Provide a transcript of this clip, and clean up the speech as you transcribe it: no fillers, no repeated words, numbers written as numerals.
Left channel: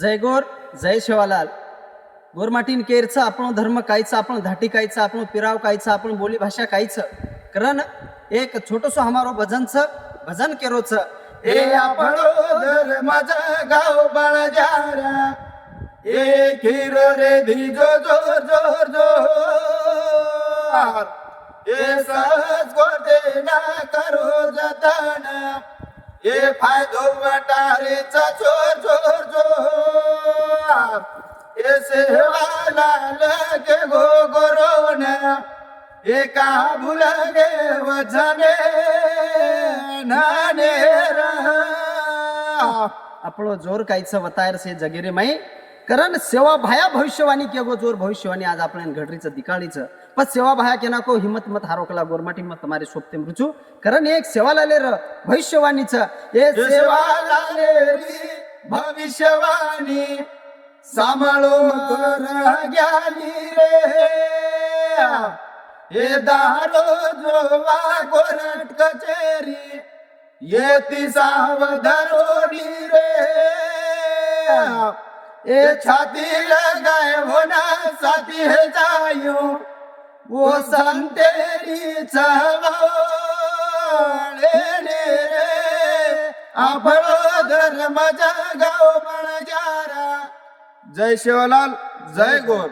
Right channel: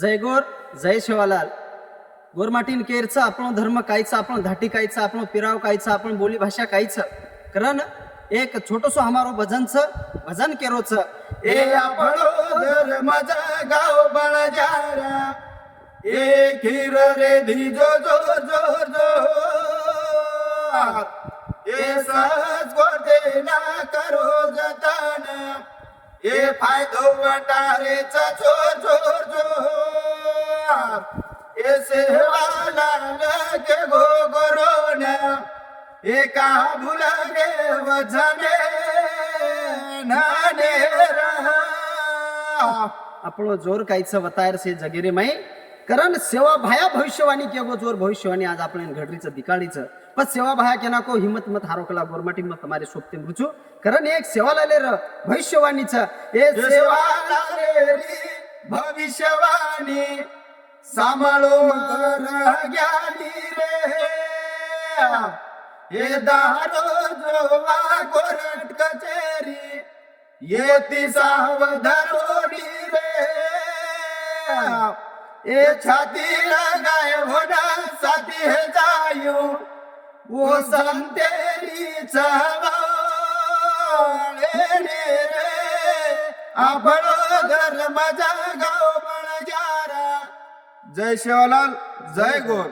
जय गोर जय शिवालाल. गोरमाटीन केरचं आपण धर्म कायचं, आपण धाटी कायचं, आपण पिराव कायचं, आपण बोली भाषा कायचं. कारण एक छोटस हमारो भजन केरोच ए आपणो धर्माचा गाव बळजारा ए खीर रे धीजो जोर जोर जोर ए सहज गोटे ना करो जतन ए फायदो वाटारेचा चोर चोर जोर ए सेवाला लगे गो गोरोन एका भुलगे वजने नाने आपलो जोर कायचं वतायर से जगेरे माई. कारण सेवा भाया भविष्यवाणी के गो जोर भविष्यवाणी आज आपण घडरीचं दिकाळीचं पण सेवा भाया केना को हिम्मत मत हारोकला गोरमाटी मत तुम्हारे सोपते मृचू. कारण एक सेवा लाले र भविष्यवाणीचं ए सेवा लालेली भविष्यवाणी सांभाळो कर ज्ञानी रे हे दारो जोवा गोरट कचेरी येती सावधारोडी रे ए छाती लगाए होना साथी है जायूं वो संतेरी चवाळे रे आपणो धर्म जगाव बळजारा. जय शिवलाल जय गोर.